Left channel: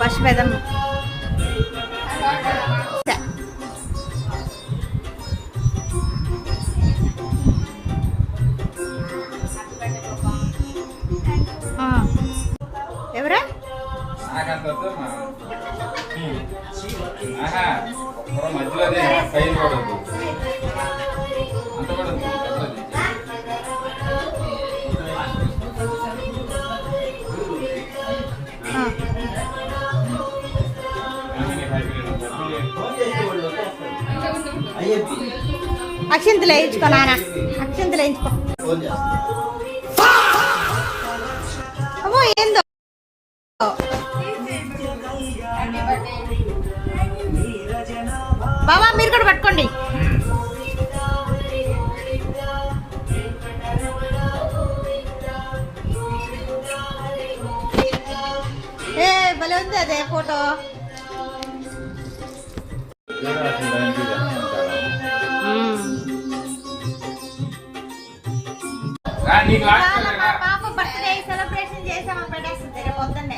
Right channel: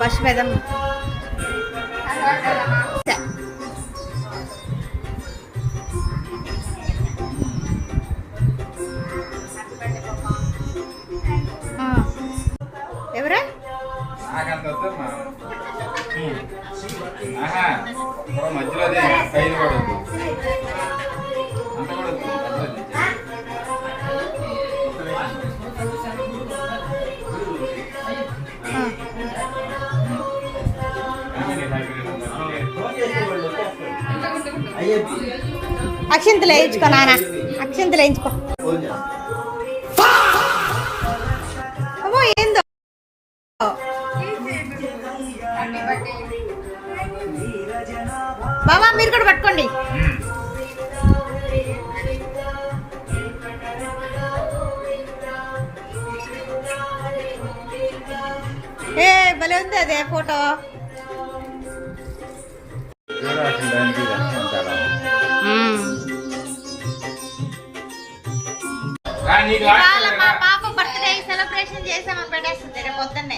First పెదమ్మ ఎవరా మధ్యలో పైన పడద్దు అంత పడద్దు అక్షింతలు వేయించుకో నాన్న, అక్షింతలు వేయించుకో. అమ్మో ఏందో బాబా మీరు కూడా పట్టుకోండి. ఏ భలే ఉంది అదే ఫోటో. పాప బర్త్డే సెలబ్రేషన్ చేసామని పెట్టేస్తుంది రేపు పొద్దున్నే.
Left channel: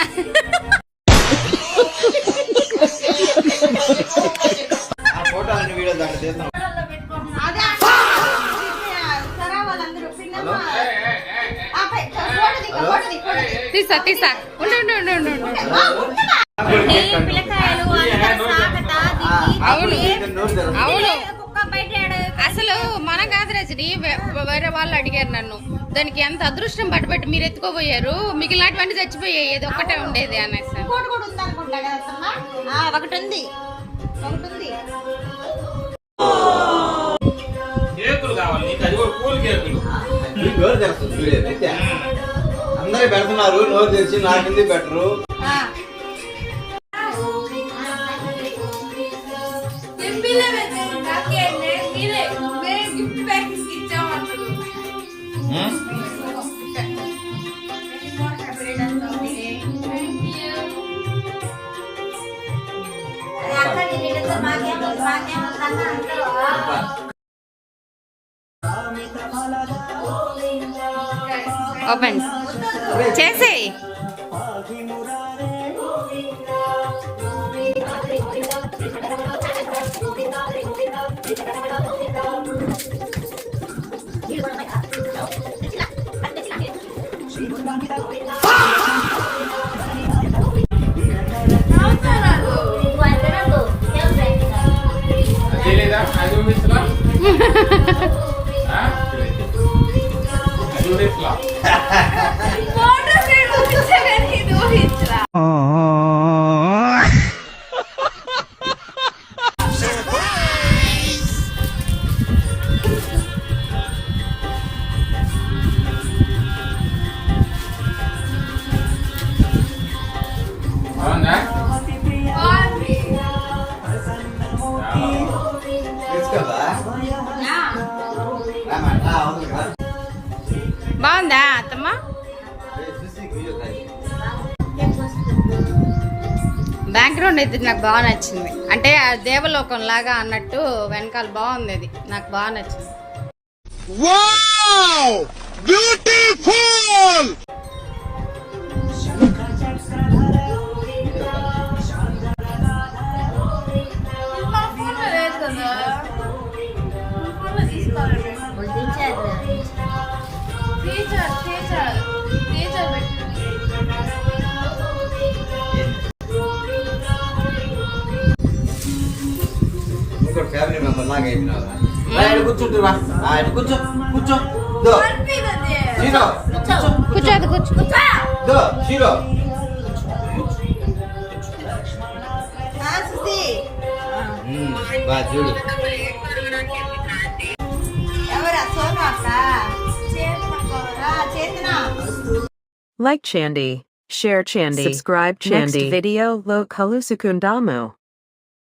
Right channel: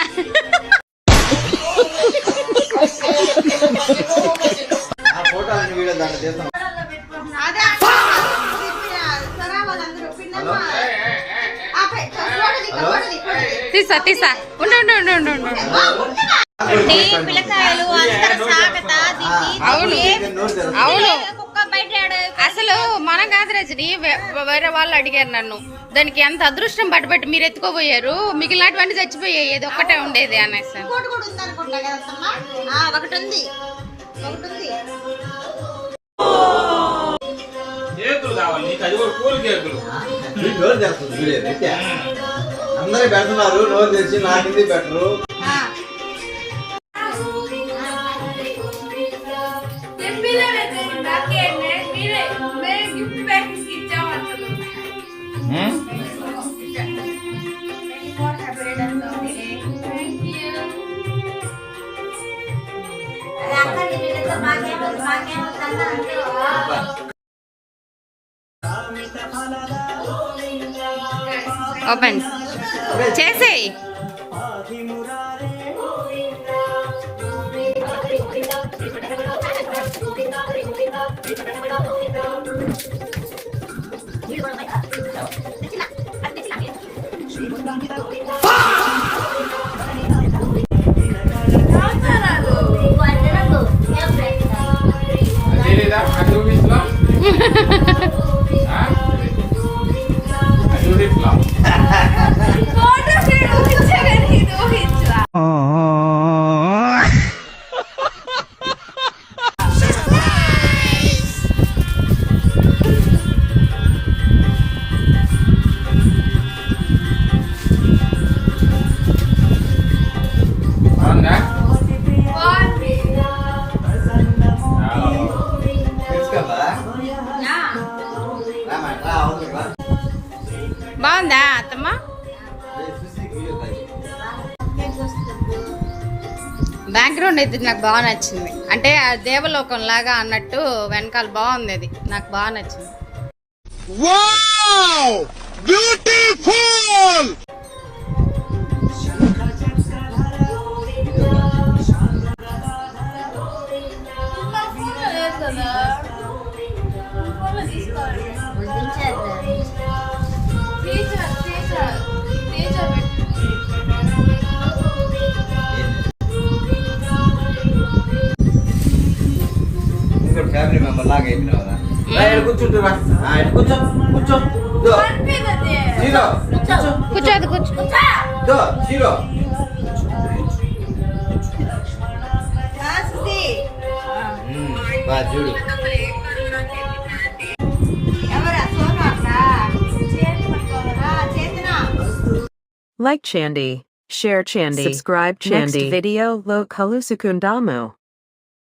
తీసా తీసా ఉండు అవును అవును. అసలు మన కాదు రజని, వేరే వాళ్ళు అడిగారు నన్ను దానికి ఎంత అదృష్టం పట్టుబట్టి మీరు ఎత్తుకోబోయారు, మిగిలినటువంటి చచ్చిపోయాయి, ఏది ఒక్కటే ఉండేది అనేసి. ఒకటి ఉంది అందరూ పెడుతున్నారు, నోరు తెచ్చి నాకింది పెట్టరు. ఓపెన్ చేసేయి. బాగుందా అత్తమ్మ? బ్యాక్గ్రౌండ్ అయితే నాకు బాగా నచ్చింది, అంటే ఆ దేవలోకం లాగా అన్నట్టు వెనకాల బాగుంది, అది నాకు బాగా నచ్చింది. ఫ్యామిలీ మెంబర్ లాగా కూర్చుంటున్నా, కూర్చో కూర్చో కూర్చోదు కూర్చో చూడు. Like Chandy, share Chandy, subscribe Chandy. Next video lo Kalusukundamu.